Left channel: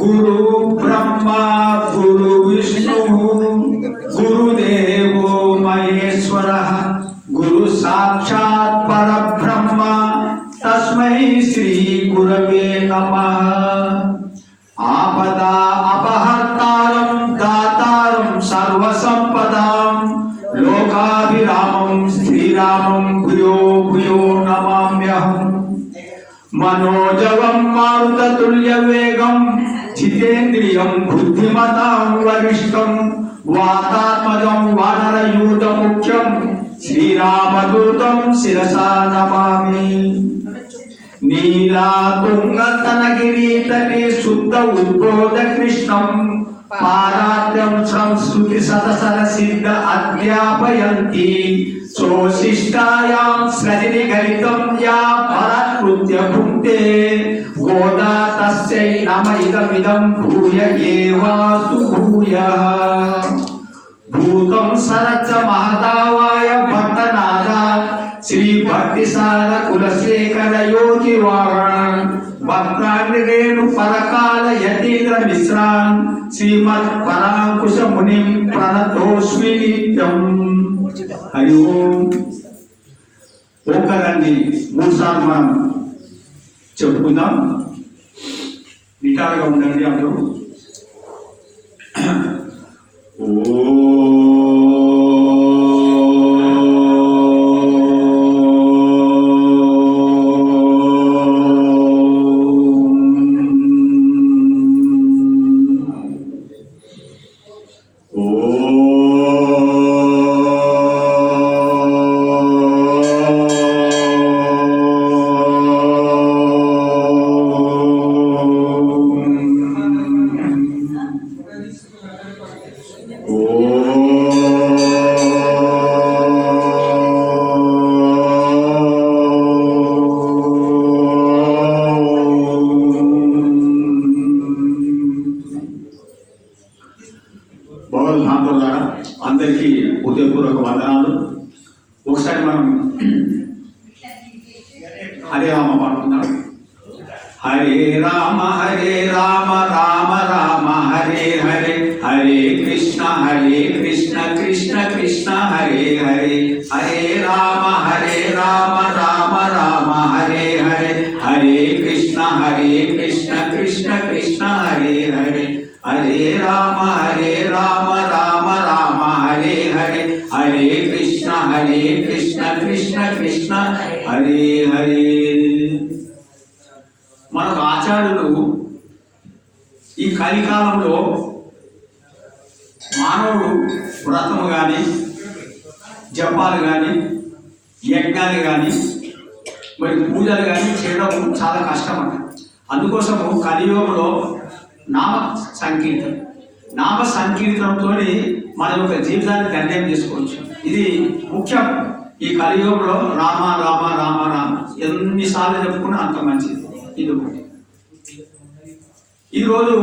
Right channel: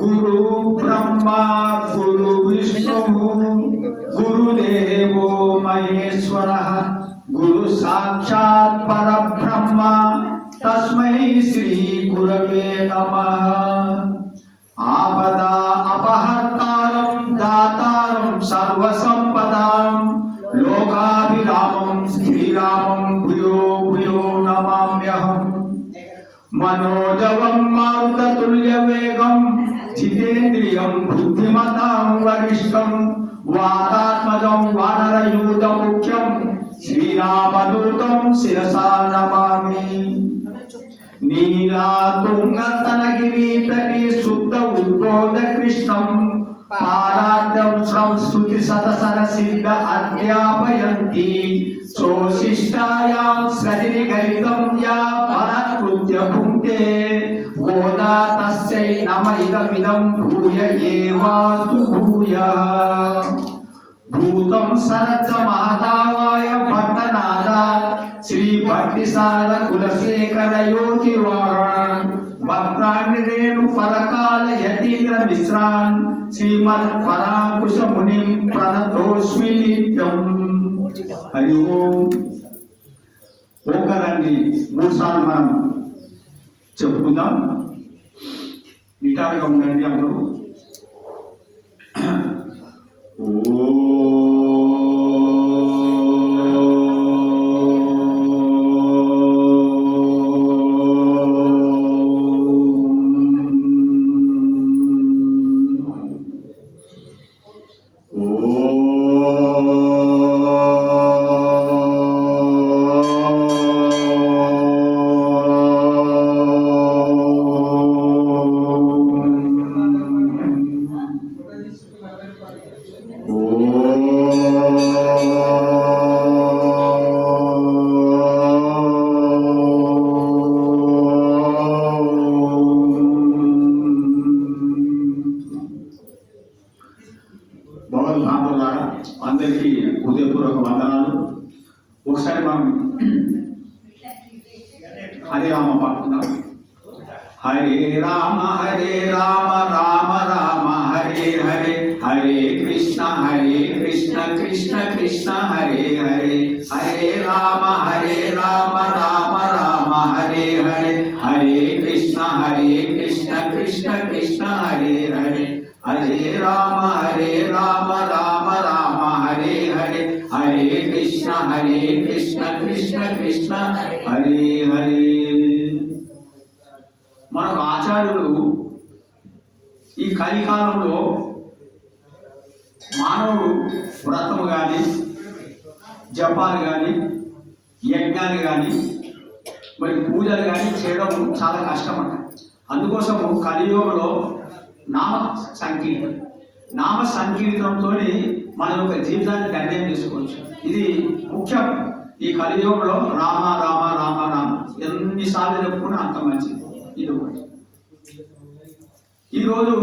గురు బ్రహ్మా గురు విష్ణు గురుదేవో మహేశ్వరః గురు సాక్షాత్ పరబ్రహ్మ తస్మై శ్రీ గురవే నమః. ఆపదా అపహర్తారం దాతారం సర్వసంపదాం లోకాభిరామం శ్రీరామం భూయో భూయో నమామ్యహం. మనోజవం మారుతతుల్య వేగం జితేంద్రియం బుద్ధిమతాం వరిష్టం వాతాత్మజం వానరయూథ ముఖ్యం శ్రీరామదూతం శిరసా నమామి. నీలాతుంగతనగిరీతటే శుద్ధ ఉద్బోధ కృష్ణం పారాత్యం సంస్కృతి సతసర సిద్ధ అధ్యాపయంతి సోశిష్టాయాం సజని గణితం యా పరకృత్య భుక్తే గోదా తస్యై నమ ఇదమిదం భూయ ఏవాస్తు భూయః. భూతం సరచ్చ మహదావాయ భట్టనాథ శ్రీ భక్తిసార కులశేఖర యోగి వాహన్ భక్తాగ్రేణు పరకాల యతీంద్ర మిశ్రాన్ శ్రీమద్ పరాంకుశ మునిం ప్రణతోస్మి నిత్యం. హరి ఓం. ఓంకారాన్ని 3 సార్లు మనం చెప్పుకుందాం. నిటారుగా ఉండండి అందరూ. అందరికీ హృదయపూర్వక వందనాలు. ఒకసారి మనం హరే రామ పాడుతున్నాం. హరే రామ రామ రామ హరే హరే హరే కృష్ణ కృష్ణ కృష్ణ హరే హరే. హరే రామ రామ రామ హరే హరే హరే కృష్ణ కృష్ణ కృష్ణ హరే హరే. హరే రామ రామ రామ హరే హరే హరే కృష్ణ కృష్ణ కృష్ణ హరే హరే. మనకు ఆచార్యులు ఈ కలికాలంలో మానవుడు వ్రతము కానీ జపాలు కానీ యజ్ఞాలు కానీ మరి పూజలు కానీ చేయడం చాలా కష్టం అంట. అందుకోసము కలియుగంలో నామ సంకీర్తనంతో మన యొక్క జీవితాన్ని నిర్ణయం చేసుకోవచ్చు. ఇది ముఖ్యం. ఈ కలియుగంలో రామ రామ రామ రామ ఎన్నిసార్లు చెప్పుకున్నా అంత మంచిది. ఇది ఒకటి. ఈరోజు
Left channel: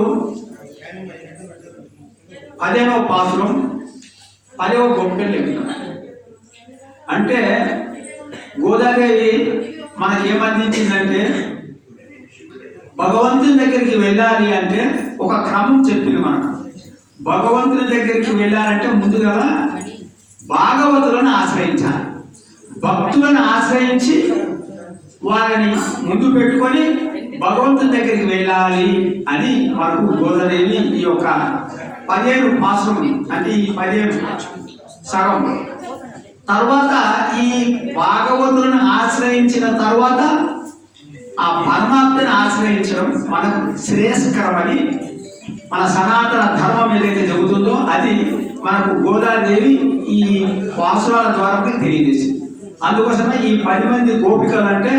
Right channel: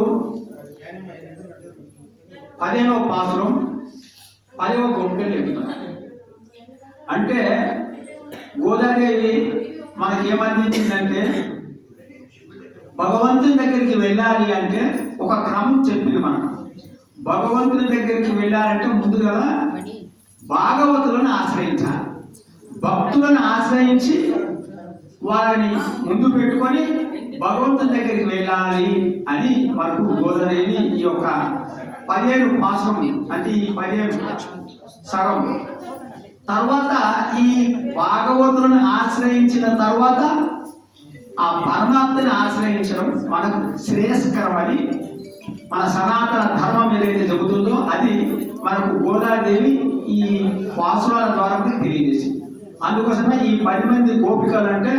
10వ పాసురం 10వ గొప్పలు ఎక్కుతాం. అంటే గోదాదేవి మనకేమందించిందంటే భగవంతుని దగ్గరికి వెళ్ళాలి అంటే ఒక క్రమం చెప్పింది మనకు. భగవంతుని దగ్గరికి వెళ్ళాలంటే ముందుగా భాగవతులను ఆశ్రయించాలి. భక్తులను ఆశ్రయించి వాళ్ళని ముందు పెట్టుకొని భగవంతుని దగ్గరికి వెళ్ళాలి అని మనకు గోదాదేవి ఈ యొక్క 17 పాసురం అంటే ఈ 17 సగం తర్వాత ఈ భాగవతులను ఆశ్రయించిన తర్వాత ఆ పరమాత్మని ఆశ్రయించడం మనకు శ్రేయస్కరమని మన సనాతన ధర్మం ఏదైతే చెబుతుందో అది మనకు గోదాదేవి ఈ పాసురాల ద్వారా తెలియజేసింది. అందుకోసమే ఈ 10 మంది గోపికలు అంటే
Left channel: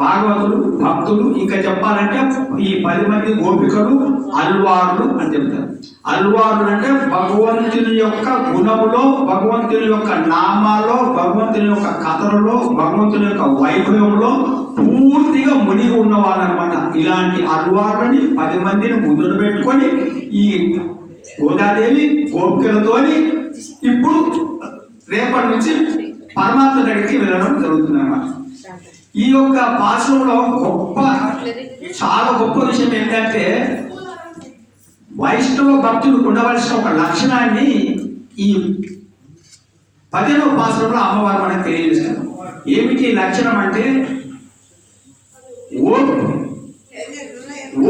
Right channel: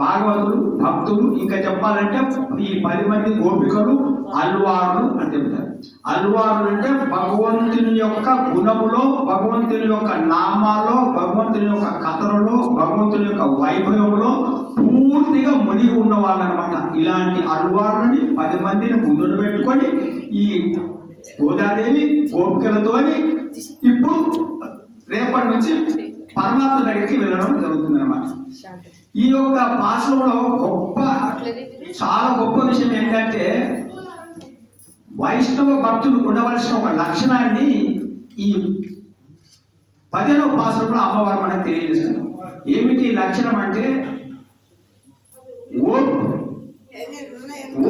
భాగవతులు భక్తులు, ఇంకా చెప్పాలంటే ఈ 10 మంది గోపికలు అల్వార్లు అని చెప్తారు. అల్వార్లు అంటే భగవంతుని యొక్క గుణములో, భగవంతుని యొక్క నామాల్లో, భగవంతుని యొక్క కథలలో, భగవంతుని యొక్క వైభవంలో పూర్తిగా మునిగి ఉన్నవాళ్ళు అనమాట. ఇలాంటి అల్వార్లని 10 మందిని ముందు పెట్టుకొని ఈ గోదాదేవి గోపికలతోని ఇప్పుడు రేపటి నుంచి పరమాత్మ దగ్గరికి వెళ్ళడం జరుగుతుంది అన్నమాట. ఈ యొక్క పాశంలో గొప్ప చాలా గొప్ప విషయం ఏంటంటే వైష్ణవ భక్తులు ఉండవలసిన ఒక లక్షణాన్ని ఈ 10వ పాసురంలో అమ్మవారు మనకు తెలియజేస్తుంది. ఏమిటి లక్షణం అంటే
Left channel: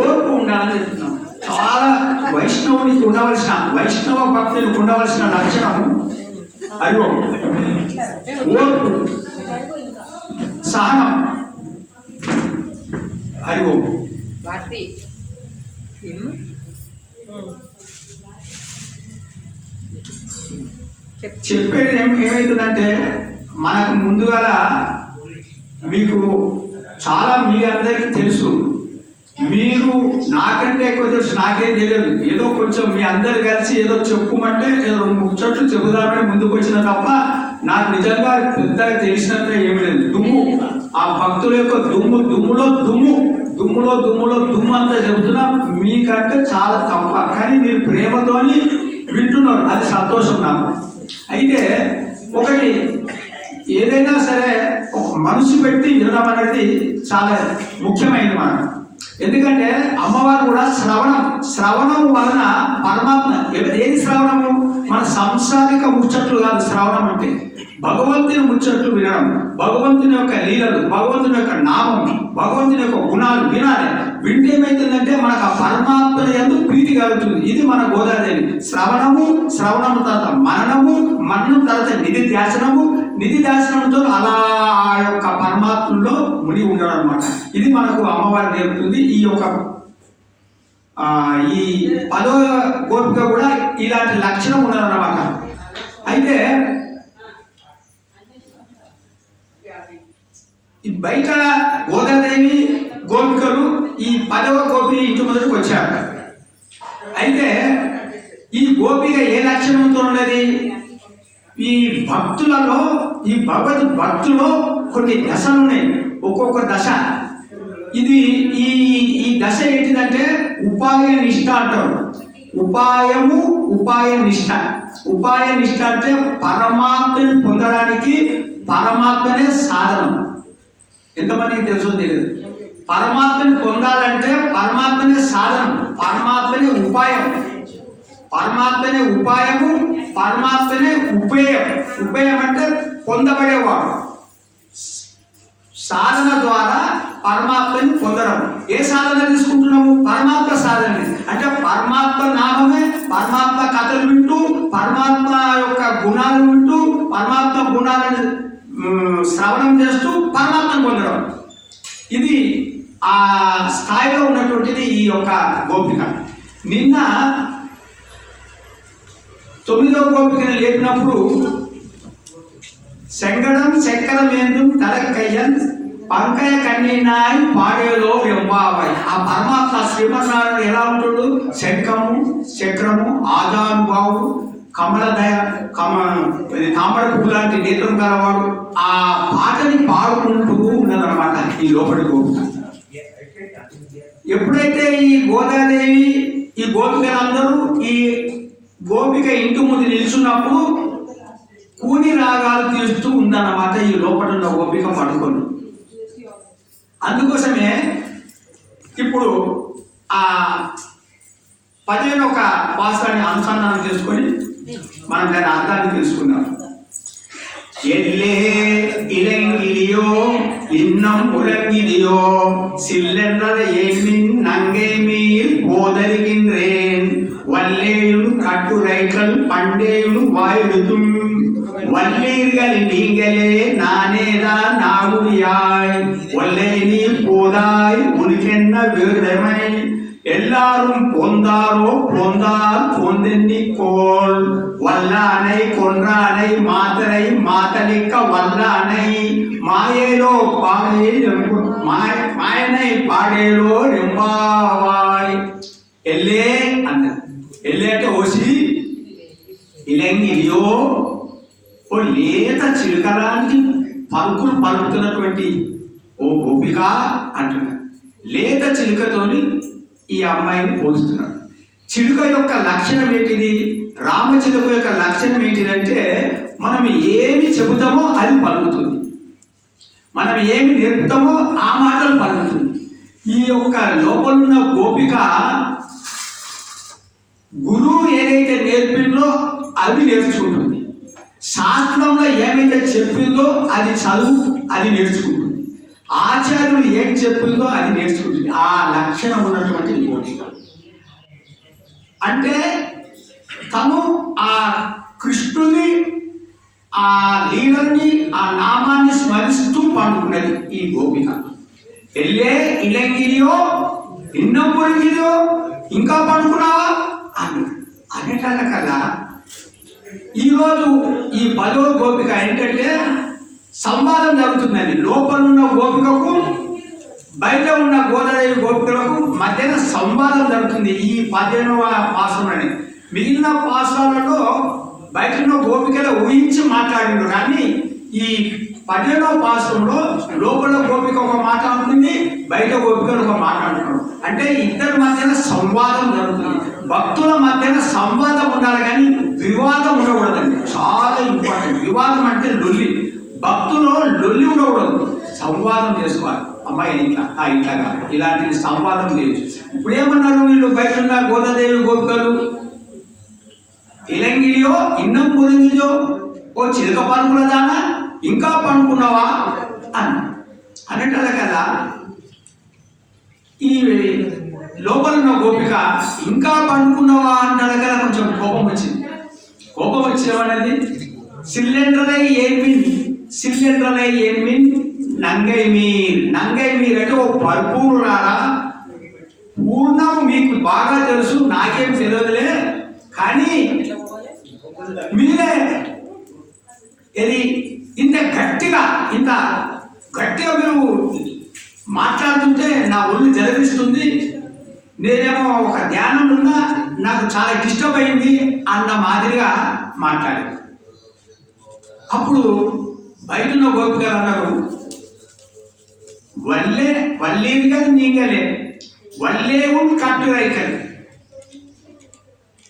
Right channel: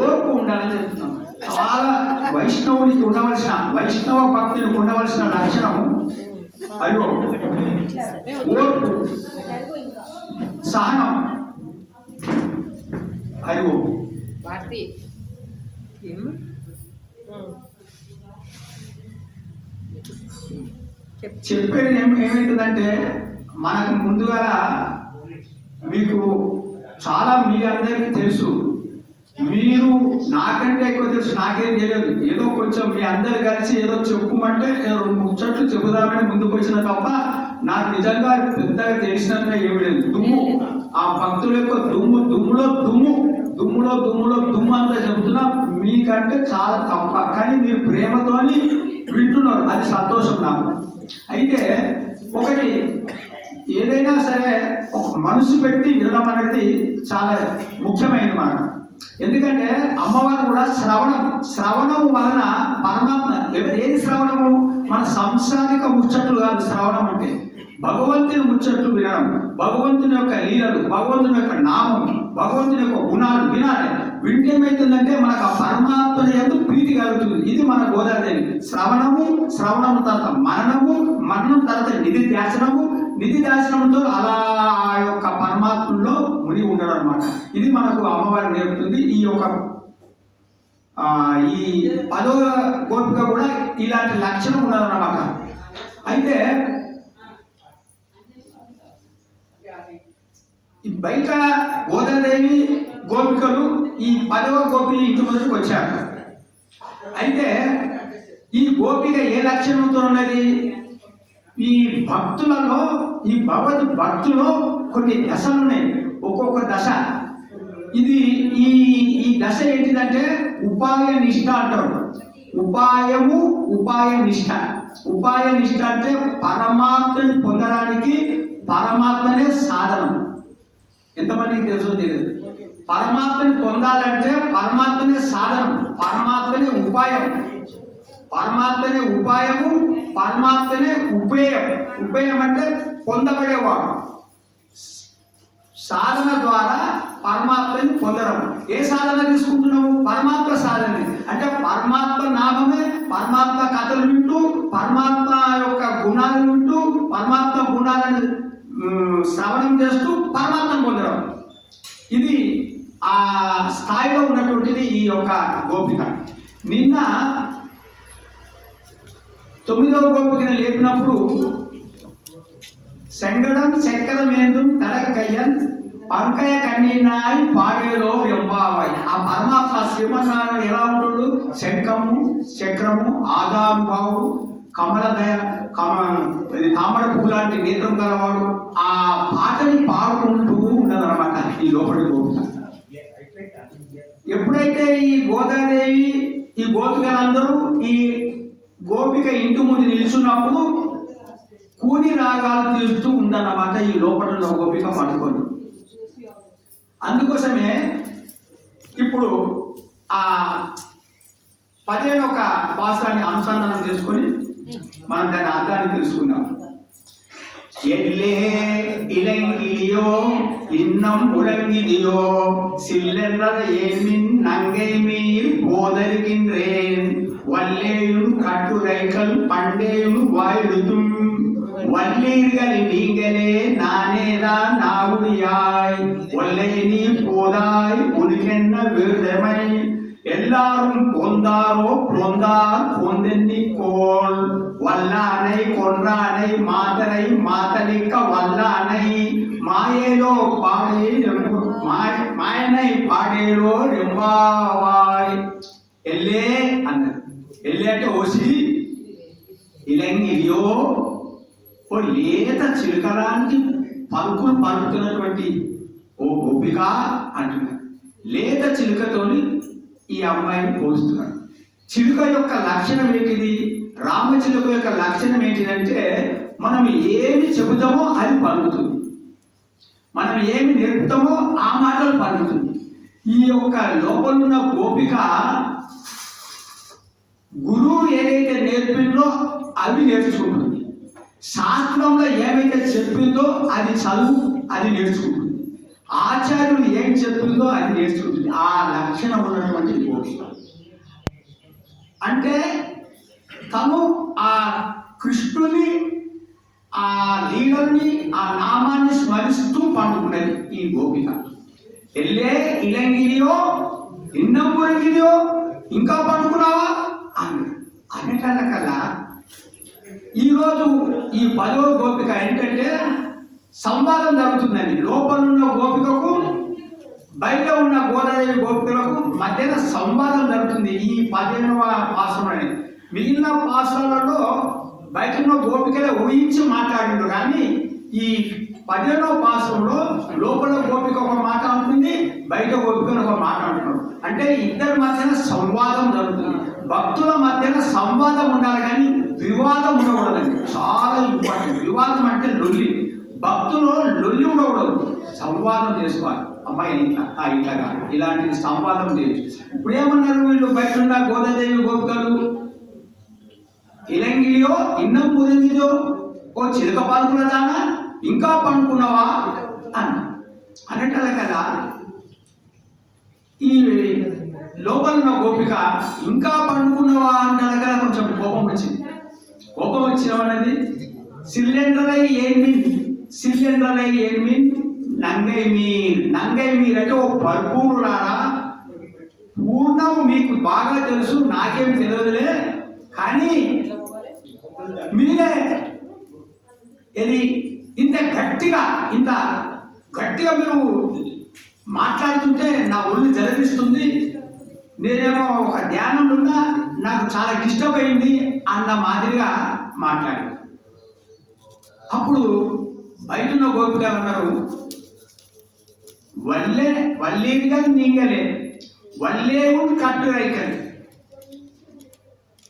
ఓర్పు ఉండాలని చెప్తున్నాం. చాలా వైష్ణవునికి ఉండవలసిన, వైష్ణవ భక్తునికి ఉండవలసిన లక్షణము అది ఓర్పు, సహనం, అది చెప్పేది ఏమవుతుందంటే మనకు ముందుగా మీకు చాలా మీ అందరికీ తెలుసు, మీరు నాకంటే ఎక్కువ తెలుసు, నాకేం తెలియదు. ఏదో కొంచెం మీ అందరు కలిసి ఏదో చెప్పుమంటే ఏదో 2 ముచ్చట్లు చెబుదామని ముందుకు వచ్చిన తప్ప నాకు నిజంగా పెద్దగా తెలిసినట్టుగా ఏమి లేదు. దుమ్ము, ఆ భక్తుల యొక్క దుమ్ములో దుమ్ము అంతా చెబుతున్నా మీకంటే చాలా తప్ప. కానీ మీరు ప్రేమతోని వింటున్నారు, అది సంతోషం నాకు. అయితే ఒకటి ఏదైనా సరే ఒక మనసు పెట్టి వినడం అనేది చాలా ముఖ్యమైనది మనకు. ఎందుకంటే అమ్మవారు కూడా శ్రవణం వలన పరమాత్మ, ఏది శ్రవణము? మన సంసారిక ముచ్చట్లు కాదు శ్రవణం అంటే. భగవంతుని ముచ్చట్లు వినడం, భగవంతుని యొక్క లీలలు, భగవంతుని యొక్క నామం, భగవంతుని యొక్క గుణాలు వినాలి. వింటే ఏమైతుందంటే మనకు ఆ పరమాత్మ యందు ప్రీతి కలుగుతుంది. ఇది మన గోదావరి. శ్రవణము తర్వాత మరణం తర్వాత నిధి ధ్యాసనంతో అలా ఆ యొక్క పరమాత్మలో ముడి ఉండడం అనమాట. ఇది మనకు అమ్మవారు నేర్పుతుంది. ఈ 10వ గోపిక కూడా ఇలాంటి లక్షణం ఉన్నదన్నమాట. అయితే ఈ బయట గోదాదేవి గోపికలు ఈ 10వ గోపిని ఇంటి ముందుకు వచ్చారు. అయితే ఈ గోపిక ఏ లక్షణంతో ఉన్నది? ఈ భక్తులలో, ఈ భగవద్ భక్తులో కొన్ని దశలు ఉన్నాయి. ఒక్కొక్క దశ ఇది ఈ దశ ఏంటిదంటే ఉపాయ నిష్ఠ అంటారు. ఉపాయ నిష్ఠ అంటే పరమాత్మని పొందడానికి పరమాత్మనే సాధనం. ఎంతమందికి తెలుసో తెలియదు. పరమాత్మని పొందాలంటే పరమాత్మనే సాధనం, పరమాత్మనే ఉపాయము, పరమాత్మనే ఉపేయం అంటే పొందబడేవాడు. సాధన ద్వారా పరమాత్మని పొందడం. ఏ సాధన తీసుకుంటున్నాము? పరమాత్మ సాధన. అంటే పరమాత్మ నామమే, పరమాత్మ కథలు వింటూ, పరమాత్మ యొక్క గుణాలు వింటూ, పరమాత్మ గుణాలను శ్రవణం చేస్తూ పరమాత్మను పొందడం. ఇది ఆ స్థాయిలో ఉన్నటువంటిది ఈ యొక్క గోపిక. నిన్న 9వ గోపికను లేపినప్పుడు శంకరం చక్రమేందుం తలకయ్యన్ పంకయ కన్నీనాయ్ పాడేలో వెంబావై. ఆ పరమాత్మ శ్రీమన్నారాయణ ఎలా ఉంటాడు? శంఖము చక్రము ఆజానుభావుడు, తామర పువ్వు లాంటి నేత్రం గలవాడు. ఆ పాటని పాడుకుంటూ ఉన్నదన్నమాట ఈ లోపలి గోపిక. ఎప్పుడైతే ఈ గోదాదేవి ఈ గోపికలందరూ ఈ గోపిక ఇంటి ముందు నిలుచున్నప్పుడు కూని రాగాలు తీరుస్తూ ఉందన్నమాట ఈ లోపల ఉన్న గోపిక పడుకొని. అందుకోసమే ఇప్పుడు ఆ 11వ పాసాన్ని అనుసంధానం చేసుకొని మనం దాని అర్థాన్ని తెలుసుకుందాం. எல்லே இளங்கிலியோ இன்னம் உலங்கிலியோ சில்லென்றத ஏமின் நங்கை மீர் போதருகின்றேன் வல்லேயும் கட்டுரைகள் பண்டேயும் வாயெழுத்தும் வல்லீர்கள் நீங்களே நானேதான் நாவுதியாய் ஒல்லை நீ போதாய் உனக்கென்ன விருதமை எல்லாரும் பொந்தாரோ பொந்தால் பொந்தென்னிக்கோள் வல்லானை கொன்றானை மாத்தனை மாத்தலிக்க வல்லானை மாயேலோ பாடே மாயனை பாடேలో రెంబావాయ్. ఎల్లే అన్న, ఎల్లే అంటే ఓసి, ఇలంగిలియో ఓ లేత చిలుకలాంటి పలుకులు పలుకుతున్నటువంటి ఓ గోపిక అంటున్నారు. లేత చిలుకతోని ఈ అమ్మాయిని పోలుస్తున్నాడు. చిలుక యొక్క లక్షణం ఏంటిది? రామచిలుక యొక్క లక్షణం ఏంటిదంటే మనం ఏమి చెబుతామో అది పలుకుతుంది, మనం ఏమి నేర్పుతామో ఆ మాటలు పలుకుతుంది. ఈ యొక్క లోపలున్న గోపిక గురువు ఏదైతే నేర్పిందో అది నేర్చుకుంటుంది, శాస్త్రంలో ఏమైతే చెప్పిందో అది చదువు అది నేర్చుకుంటుంది, ఆచార్యులు ఏం చెప్పిందో అది నేర్చుకుంటుంది. ఆ లక్షణం ఉన్నటువంటి గోపిక అంటే తను ఆ కృష్ణుని ఆ లీలని ఆ నామాన్ని స్మరిస్తూ పండుకున్నది ఈ గోపిక. ఎల్లే ఇలంగిరియో ఇన్నం పొరిగిరియో ఇంకా పండుకున్నావా అని అనేటల్ల కదా. ఈరోజు ఈ 10వ గోపిక ఏంటంటే సంవాదం జరుగుతుందని, లోపల ఉన్న గోపికకు బయట ఉన్న గోదాదేవి గోపికలకు మధ్యన సంవాదం జరుగుతుంది ఈ 15వ పాసములని. మిగిలిన పాసాలలో బయట ఉన్న గోపికలు ఊహించి మాట్లాడిండు, కానీ ఈ 15వ పాసంలో లోపల గోపిక ఒక మాట ఉంటుంది, బయట గోపికలు ఒక మాట అంటున్నారు. అంటే ఇద్దరి మధ్యన సంవాదం జరుగుతుంది. భక్తుల మధ్యన సంవాదం ఉండాలి కానీ వివాదం ఉండకూడదండి, చాలా ఇంపార్టెంట్. వివాదం అంటే లొల్లి, భక్తులు లొల్లి ఉండకూడదు, సంవాదం చేసుకోవాలి. అమ్మాయి ఇట్లా ఇట్లా కాదు, ఇలాంటి సంవాదం చేయొచ్చు. ఇప్పుడు ఏమన్నారు వీళ్ళు బయట ఉన్న గోదాదేవి గోపికలు, ఇలంగిరియో ఇన్నం పొదింగిరియో ఓ చిలక పనుకున్నదానా ఇంకా పండుకున్నావా అనేటలే కదా. ఈ లోపల ఉన్న గోపిక ఇంకా పండుకున్నావా అంటారు కదా, కొంచెం కోపం వచ్చింది. కోపం వచ్చేవాడది సిలిండరై ఏమిన్, సిలిండరై ఏమిన్ నంగై మీర్. నంగై మీర్ అంటే ఓ భర్పూరులారా, పూర్ణం మీకు బాగా తెలుసు, నాకేం తెలియదులే, కానీ మీరే ఇది ఇంత గట్టిగా మీరు మాట్లాడుతుంటే నా ఒళ్ళు జలపిస్తుంది. నేనేమో ఒక ధ్యానం ఉన్నా నాకు చాలా డిస్టర్బ్ అయింది అన్న మాదిరిగా మాట్లాడాను. అప్పుడు బయటలో గోపికలు అన్నారు, వల్లేరుగా నీగలే వల్లేవు కట్టురైకలు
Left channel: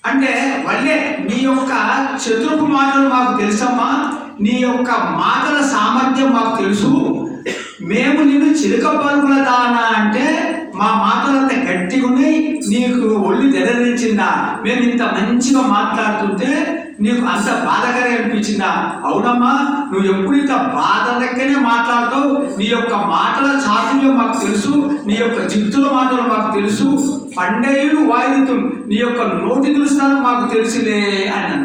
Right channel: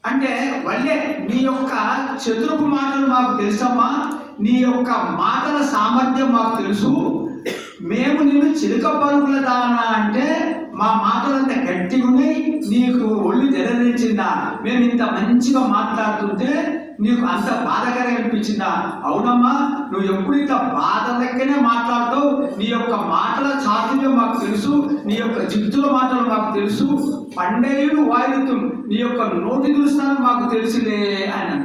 అంటే వల్లే నీ యొక్క చతురపు మాటలు మాకు తెలుసమ్మా, నీ యొక్క మాటల సామర్థ్యం మాకు తెలుసు. మేము నిన్ను చిలుక పలుకుల దానా అంటే మా మాటలంత గట్టిగా ఉన్నాయి, నీకు ఒళ్ళు తెరదించిందా? మేము ఇంత మంచిగా మాట్లాడుతుంటే నీకు అంత బాధకరంగా అనిపించిందా? అవునమ్మా, నువ్వు ఎప్పుడు ఇంత బాధ లెక్కనే మాట్లాడుతావు, నీ యొక్క మాటల చాతుర్యం మాకు తెలుసు, నీ యొక్క జిత్తుల మాటలు మాకు తెలుసు, పండేయులు వాయిద్యం నీ యొక్క నోటి తెలుస్తాను మాకు తెలిసిందే అని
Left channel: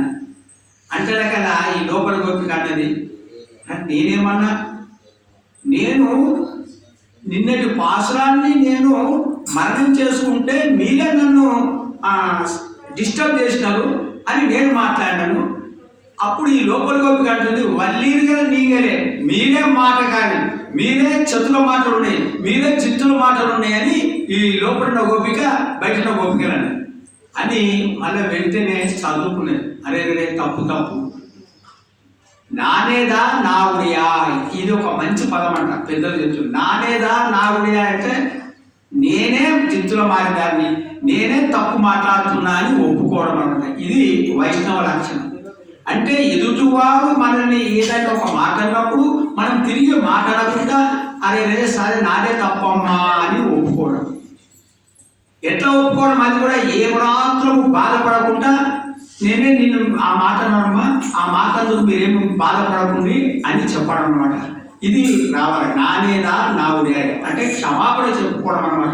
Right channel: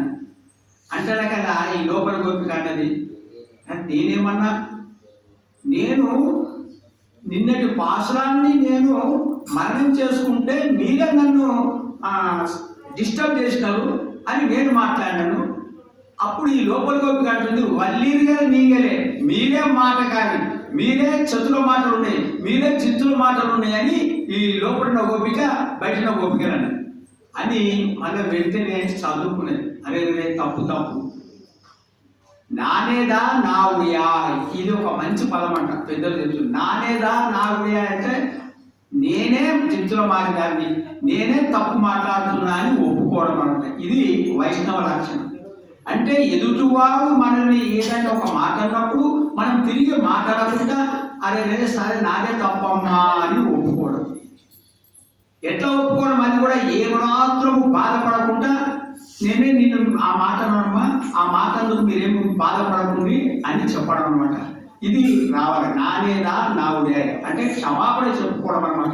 అంటే కదా. ఈ లోపల గోపిక అన్నది, నేనేమన్నా, నేను నిన్నటి పాసురాన్ని నేను మరణం చేసుకుంటే మీరే నన్ను డిస్టర్బ్ చేసినారు అని నేను మాట్లాడినాను. అప్పుడు ఈ లోపల గోపిక అంటుంది, వల్లీరుగా నీగలే మీరే మాట కానీ, మీరే చతుల మాటలు ఉన్నాయి, మీరే చిత్తుల మాటలు ఉన్నాయి అని ఈ లోపల గోపిక బయట గోపికలని అని మళ్ళీ వెంటనే చదువుకునేది. అరే తప్పు నానేదా నావుడియా, ఇది ఒక మంచి పదం అంట పెద్దలు చెప్తుంది. నానేదా నావుడియా అంటే నేనే జిత్తుల మారేదాన్ని, నేనే తప్పు మాట్లాడుతున్నా అని ఒప్పుకోవడం అనమాట. ఇది వైష్ణవ లక్షణం. అంటే ఎదుటివారు మనల్ని ఏదైనా ఒక మాట అన్నప్పుడు మనం తిరిగి మాట్లాడకుండా అరే సరే నాదే తప్పమ్మా అని ఒప్పుకోవడం. ఎట్లా ఒప్పుకోవడం? అది కూడా ఏ మాత్రం బాధపడకుండా, నేనే నిన్ను ఆ మాట అన్నానమ్మా, ఆ మాటలు మీరేమి బాధపడకండి అని చెప్పడం అనమాట. ఇది రావాలి. నానేదా నావుడే అంటే క్షమాపణ చెప్పుకోవడం అనమాట.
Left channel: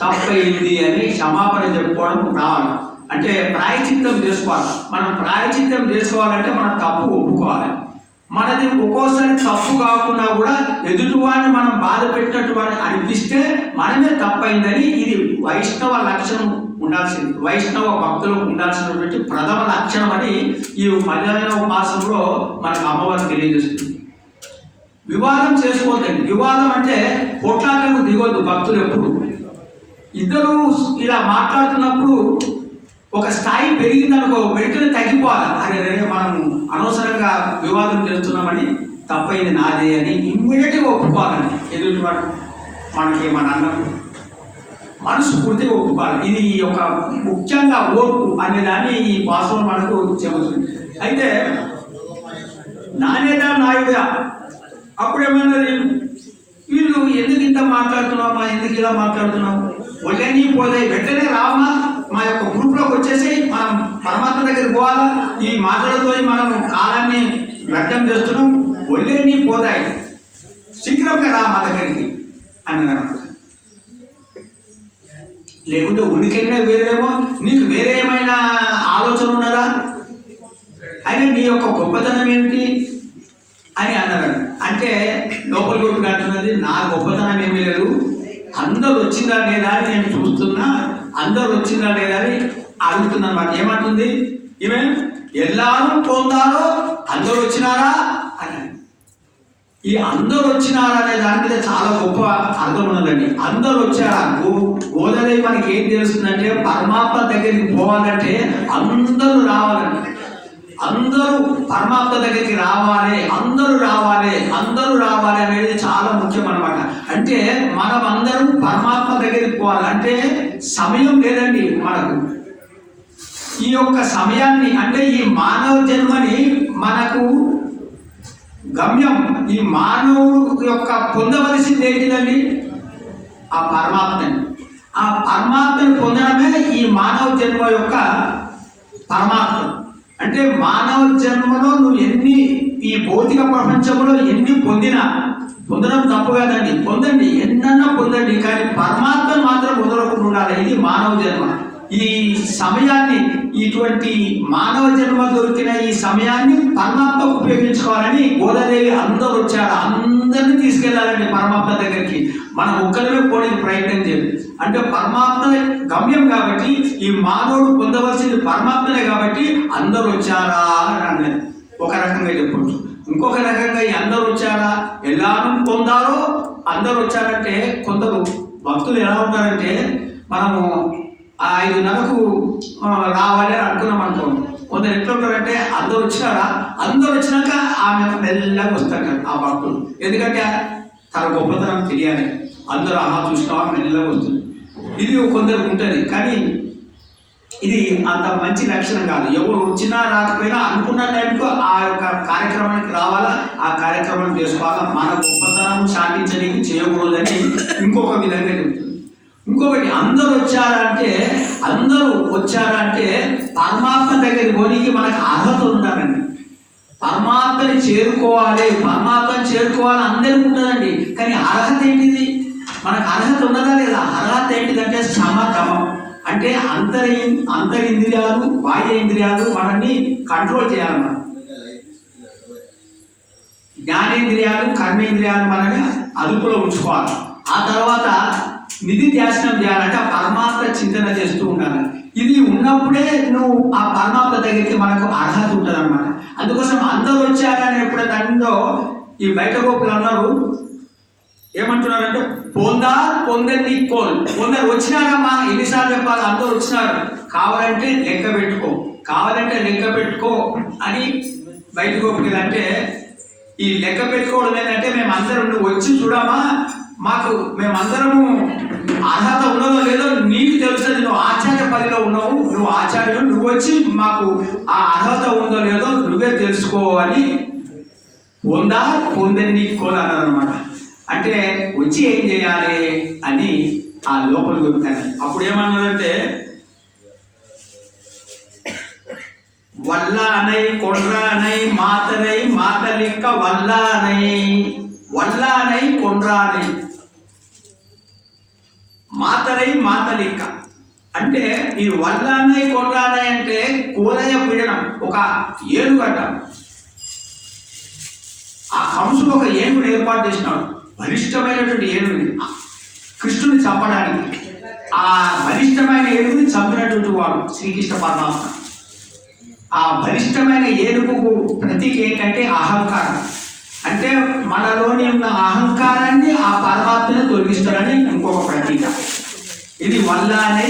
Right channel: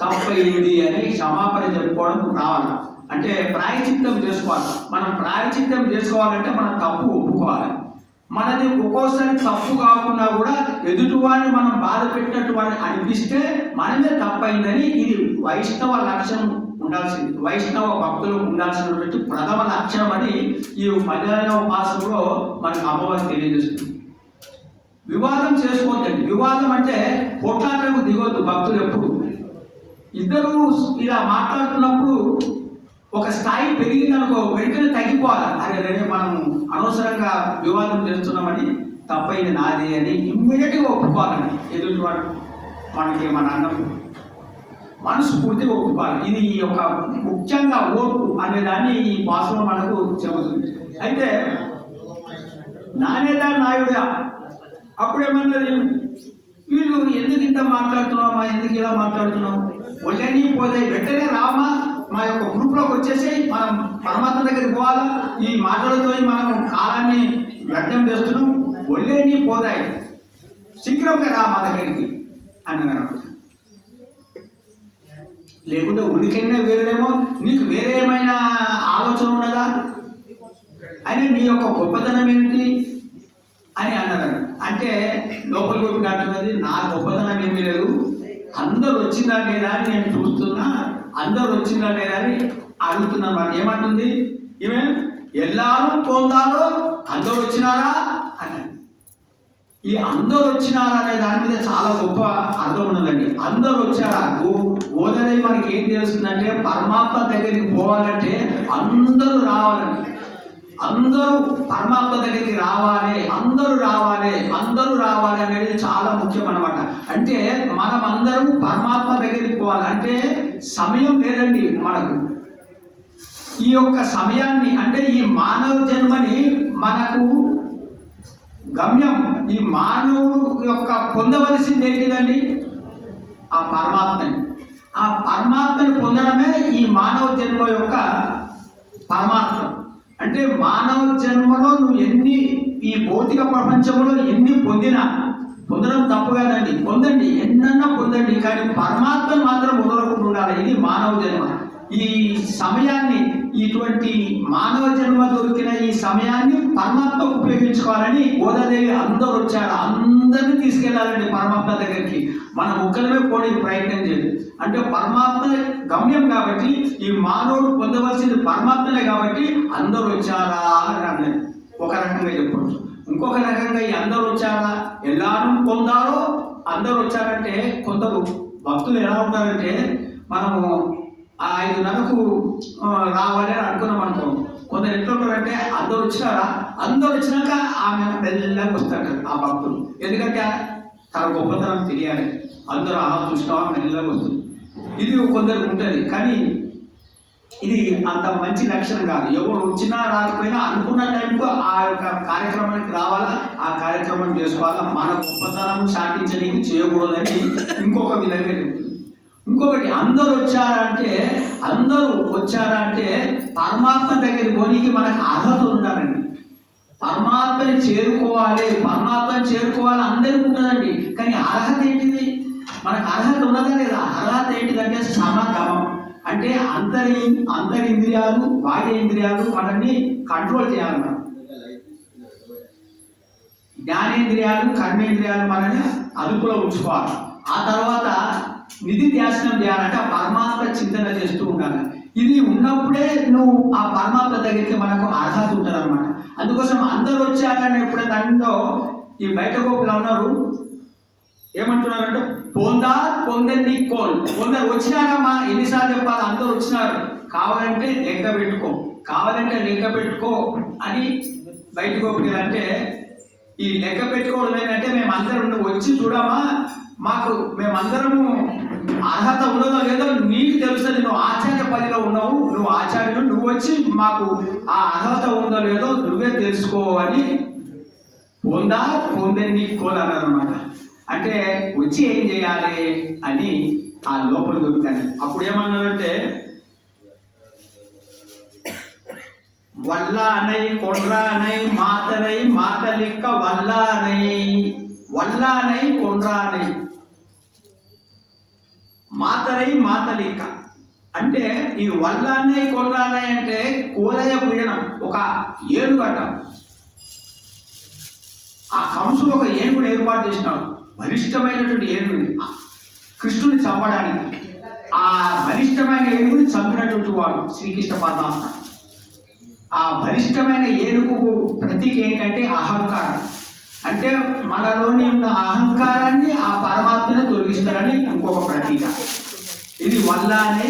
తప్పయింది అని క్షమాపణ చెప్పుకోవడం రావాలి. అంటే ప్రాయచిత్తం చేసుకోవాలి. మనం ప్రాయచిత్తం చేసుకోవాలంటే మనం తప్పు ఒప్పుకోవాలి. మనది ఒక్కోసారి తప్పు కాకుండా కూడా ఎదుటివాడిని మనం బాధ పెట్టినట్టు వాడిని అనిపిస్తే మనమే తప్పైందని, ఇది వైష్ణవ లక్షణం ఉండాల్సింది, వైష్ణవ భక్తులకు ఉండాల్సినటువంటి ప్రథమ లక్షణం అని ఈ 15వ మాసంలో మనకు అమ్మవారు తెలియజేస్తుంది. వివాదం చేసుకోవద్దండి. వివాదం అంటే కొట్లాటకు దిగొద్దు భక్తులు. ఎప్పుడు ఇద్దరు ఇలా మాట్లాడుతున్నప్పుడు ఒక స్థాయి పెరిగిందనుకో వెంటనే తగ్గిపోవాలి. అరే మనం అనవసరంగా వివాదం చేస్తున్నామని, తప్పైంది నాదే అని ఇమ్మీడియట్గా ఒప్పుకోవాలని. ఎదుటి మనకి మన అన్నం మనసు పూర్తిగా ఒప్పుకోవాలి. ఇది ఒక ముఖ్యంగా ఓర్పు అనే దాన్ని ఈ భాషలో మనకు చెబుతుంది. అయితే నానేదా నాయుడా అప్పుడేమన్నది, వీళ్ళు ఎందుకు ఇంత మాట్లాడుతున్నావు, ఎందుకు ఇలా మాట్లాడుతున్నావు, ఒళ్ళని పోలే వెంటనే రామా మా యొక్క గ్రూప్లోకి వచ్చేసి మనం పరమాత్మ దగ్గరికి పోవాలా, ఈ మాటలతో మనం కాలాన్ని వ్యర్థం చేస్తున్నాం, ఒళ్ళని పోతాయి, శీఘ్రంగా రా మా దగ్గరికి అన్నదన్నమాట. లేకుంటే ఉనికైనా వేరేమో, నీకు వేరే ఏమైనా ఆలోచన ఉన్నదా, అయినా నీ యొక్క గొప్పతనం ఏమిటి అని అన్నారు. అంటే లోపలి గొప్ప అంటున్నది, నా గొప్పతనం ఏమీ లేదు, అందరూ వచ్చిందా లేదా అని నేను చూస్తున్నా, అందరూ వచ్చిందా లేదా అని అడుగుతున్నా అన్నమాట. ఏమంటుంది ఈమె, ఎల్లారూ పోతారో అందరూ వచ్చినారా అని. ఈ అందరూ వచ్చినారా అనే దాని మీద చాలా గొప్ప అర్థం ఉన్నదండి. అందరూ వచ్చారా, గోదాదేవి మనకి ఏం తెలుస్తుందంటే, పరమాత్మ దగ్గరికి పోవాలంటే అందరూ రావాలండి, అందరూ పరమాత్మ దగ్గరికి రావాలి, అందరూ రావాలి, అందరూ రావాలి అనేది చాలా ముఖ్యం అన్నమాట. అంటే మనం అందరం పరమాత్మ దగ్గరికి పోవాలి. అంటే సమయం లేదండి మనకు. ఈ యొక్క సమయాన్ని, అంటే ఈ మానవ జన్మని మనకు గమ్యం, ఈ మానవుడు యొక్క పొందవలసింది ఏంటిదండి, ఆ పరమాత్మని. ఆ పరమాత్మని పొందడమే ఈ మానవ జన్మ యొక్క పరమాత్మ. అంటే మానవ జన్మలో నువ్వు ఎన్ని, ఈ భౌతిక ప్రపంచంలో ఎన్ని పొందడం తప్పు కాదండి, పొందండి, ఎన్నన్నా పొందండి, కానీ పరమాత్మ మాత్రం వదలకుండా ఉండాలి. ఇది మానవ జన్మ. ఈ సమయాన్ని, ఇటువంటి మానవ జన్మ దొరికిన ఈ సమయాన్ని పరమాత్మకు ఉపయోగించుకోవాలని గోదాదేవి అందరూ వచ్చారు, అందరినీ తీసుకెళ్లాలండి పరమాత్మ దగ్గరికి. మనం ఒక్కరిమే పోవడానికి ప్రయత్నం చేయాలి. అంటే పరమాత్మ గమ్యం కాబట్టి, ఈ మానవుడు పొందవలసింది పరమాత్మనే కాబట్టి అందరూ వచ్చారా అని అన్నది ఒక రకంగా చెప్పచ్చు. ఇంకొక రకంగా ఈ అందరూ వచ్చారా, ఎల్లారూ పొందారో అందరూ వచ్చారంటే, కొందరు భక్తులు ఎలా ఉంటారంటే, మనము 5:30కు రావాలి అని అనుకున్నాం అనుకో, కొందరు ఎట్లా ఉంటారంటే, అందరూ వచ్చినారా, అందరూ వచ్చినాక ఆమె మెల్లగా వస్తాడు ఆ భక్తుడు. ఎందుకంటే తన గొప్పతనం తెలియాలి, అందరూ ఆహా చూసినా మెల్లగా వస్తుంది. ఇది కొందరికి ఉంటుంది, కానీ ఇది అంత మంచి లక్షణం కాదు. ఎవరు వచ్చినా రాకపోయినా అనుకున్న టైంకు ఆ యొక్క కార్యక్రమానికి రావాలా, ఆ కార్యక్రమం చేసుకోవాలా. మన గొప్పతనం సాధించడానికి చేయకూడదని ఇంకొక విధంగా చెప్తుంది. ఇంకొకటి, అందరూ వచ్చారంటే పరమాత్మ దగ్గరికి పోనీకి మనకు అర్హత ఉండాలండి. పరమాత్మని చేరుకోవాలి అందరికీ ఉంటుందండి, కానీ అర్హత ఏంటిది, మనకు అర్హత ఉన్నదా లేదా? అర్హత ఏంటిదంటే సమగమం. అంటే అంతరింద్రియాలు, బాహ్య ఇంద్రియాలు మనల్ని కంట్రోల్ చేయాలి. మనం జ్ఞానేంద్రియాలు, కర్మేంద్రియాలు మనల్ని అదుపులో ఉంచుకోవాలి. ఆ తర్వాత నిధి ధ్యాసనం చేయాలంటే ఆ పరమాత్మ చింతన చేస్తూ ఉండాలి. ఇది ఉన్నప్పుడే నువ్వు ఆ పరమాత్మ దగ్గరికి మనకు అర్హత ఉంటుంది అనమాట. అందుకోసం అందరూ వచ్చారని ఎప్పుడైతే అందో, ఈ బయట గోపులు అందరూ ఏమంటున్నారంటే, పొందండి కొందరు వచ్చినారమ్మా, ఎన్నిసార్లు చెప్పాలి, అందరూ వచ్చినారు, కావాలంటే లెక్క పెట్టుకో అని బయట గోపులు. అంటే ఈ లెక్క పెట్టుకోవడం ఏంటంటే, మేమందరం నువ్వు వచ్చి చూడమా, మేమందరము అర్హత ఉన్నదో లేదో నీకు తెలుస్తుంది, నువ్వు ఆచార్య పదిలో ఉన్నావు, నువ్వు ఆచార్యుడు, నువ్వు వచ్చి మాకు ఆ అర్హత ఉందో లేదో నువ్వే తెలుసుకోవాలి, పొందండి అన్నమాట. అంటే వచ్చి ఏం చేయాలి అని ఆ లోపల చెప్తాను. అప్పుడు ఏమన్నారంటే, వల్లానై కొండ్రానై మాతరై మాతలిక్క వల్లానై కొండ్రానై మాతరై మాతలిక్క. అంటే ఈ వల్లానై కొండ్రానై అంటే కోలయ పీడనం, ఒక ఏనుగట. ఆ కంసుడు ఒక ఏనుగుని ఏర్పాటు చేసినాడు, బలిష్టమైనటువంటి ఏనుగుని, కృష్ణుని చంపడానికి. ఆ బలిష్టమైన ఏనుగుని చంపినటువంటి వాడు శ్రీకృష్ణ పరమాత్మ. ఆ బలిష్టమైన ఏనుగుకు ప్రతీక ఏంటంటే అహంకారం. అంటే మనలోని ఉన్న అహంకారాన్ని ఆ పరమాత్మను తొలగిస్తారని ఇంకొక ప్రతీక. ఇది వల్లానై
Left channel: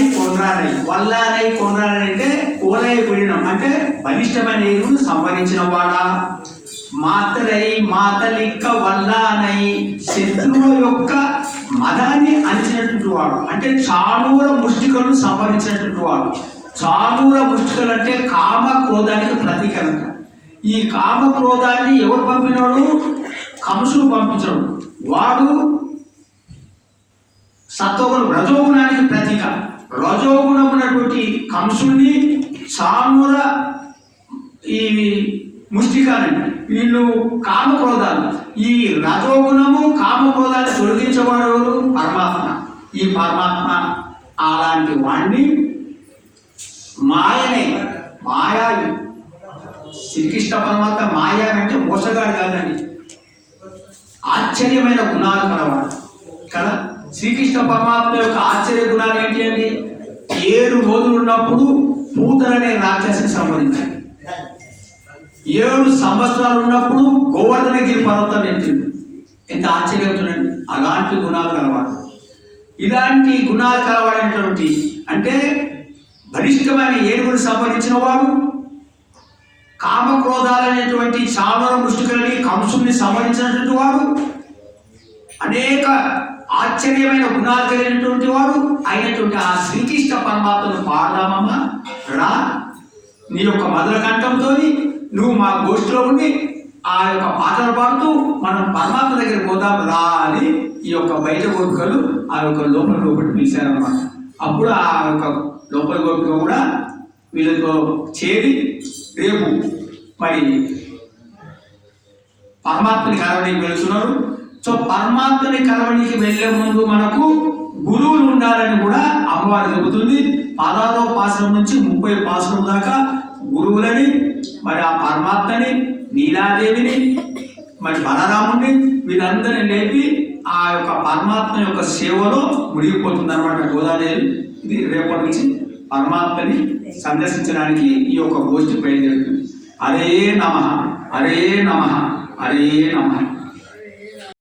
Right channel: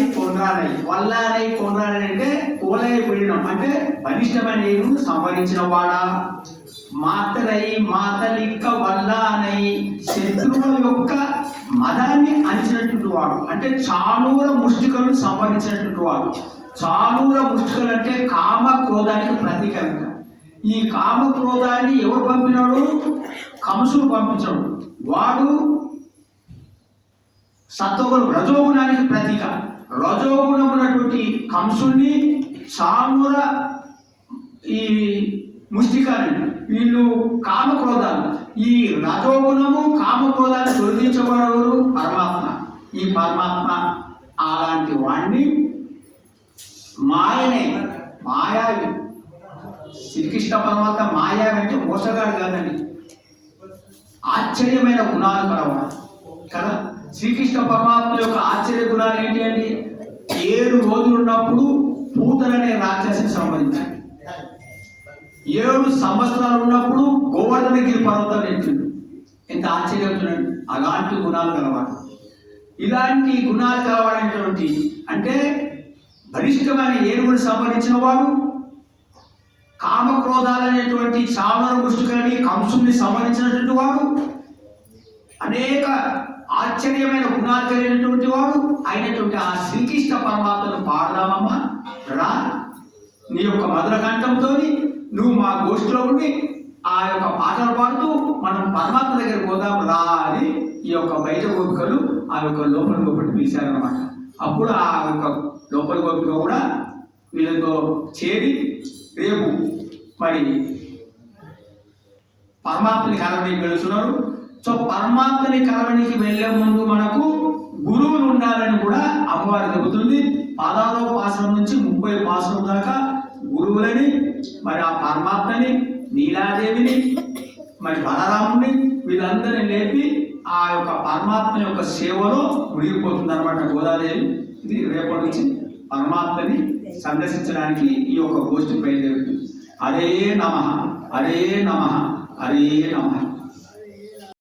కొండ్రానై అంటే కోలయ పీడనం, అంటే బలిష్టమైన ఏనుగును సంహరించిన వాడా. మాతలిక్క వల్లానై, శత్రువుల యొక్క మదాన్ని అంచినటువంటి వాడు, అంటే చాణూర ముష్టికలను సంహరించినటువంటి వాడు. చాణూర ముష్టికలు అంటే కామ క్రోధానికి ప్రతీకరణ. ఈ కామ క్రోధాన్ని ఎవరు పంపినాడు? కంసుడు పంపించాడు. వాడు సత్వగుణం రజోగుణానికి ప్రతీక. రజోగుణం ఉన్నటువంటి కంసుడిని సామూల ఈ ముష్టికాలండి, వీళ్ళు కామక్రోధాలు. ఈ రజోగుణము కామక్రోధాన్ని తొలగించేవాడు పరమాత్మ. ఈ పరమాత్మ అలాంటి వాణ్ణి మాయనే మాయావి. శ్రీకృష్ణ పరమాత్మ మాయా అంటే మోసగాడు కాదండి, ఆశ్చర్యమైన గుణాలు కలవాడు కదా. శ్రీకృష్ణ పరమాత్మ యొక్క ఆశ్చర్య గుణాలు ఏంటి అండి? 7 రోజులు ఉన్నప్పుడు పూతలనే రాక్షసిని సంహరించాడు. 7 సంవత్సరాలు ఉన్నప్పుడు గోవర్ధనగిరి పర్వతం ఎత్తింది. ఎంత ఆశ్చర్యం చూడండి. అలాంటి గుణాలు కలవాడు. ఇలాంటి గుణాలు కలవాడైనటువంటి అంటే బలిష్టమైన ఏనుగును సంహరించిన వాడు, కామక్రోధాలనేటువంటి చావన ముష్టికల్ని కంసుని సంహరించినటువంటి వాడు, అనేక ఆశ్చర్యమైన గుణాలు కలిగినటువంటి వాడు అయినటువంటి ఆ శ్రీకృష్ణ పరమాత్మను పాడదామమ్మా రా, నీ యొక్క మధుర కంఠంతో నువ్వు మా గోష్ఠిలో ఉండి ఆ యొక్క పాటలు పాడుతూ మనం పరమాత్మ దగ్గర పోదాం రా అని ఈ యొక్క బయట గోపికలు ఆ యొక్క లోపలికి పిలిచారన్నమాట. అప్పుడు ఆ యొక్క లోపలి గోపిక కూడా వీళ్ళతో చేరి రేపు మరి పరమాత్మని కలవడానికి వెళ్తున్నారు. సో పరమాత్మని కలవడానికి వెళ్ళే ముందు మనకు గురువులు ఉండాలని కూడా అమ్మవారు చెబుతుంది. 16వ పాసనం నుంచి 30వ పాసనం దాకా గురువులని, మరి ఆ పరమాత్మని, నీలాదేవిని, మరి బలరాముని వీళ్ళందరినీ లేపి ఆ యొక్క పరమాత్మ యొక్క సేవలో మునిగిపోతుంది అనమాట గోదాదేవి. ఇది రేపటి నుంచి పరమాత్మని సందర్శించడానికి ఈ యొక్క గోష్ఠి బయలుదేరుతుంది. హరే నమః, హరే నమః, హరే నమః.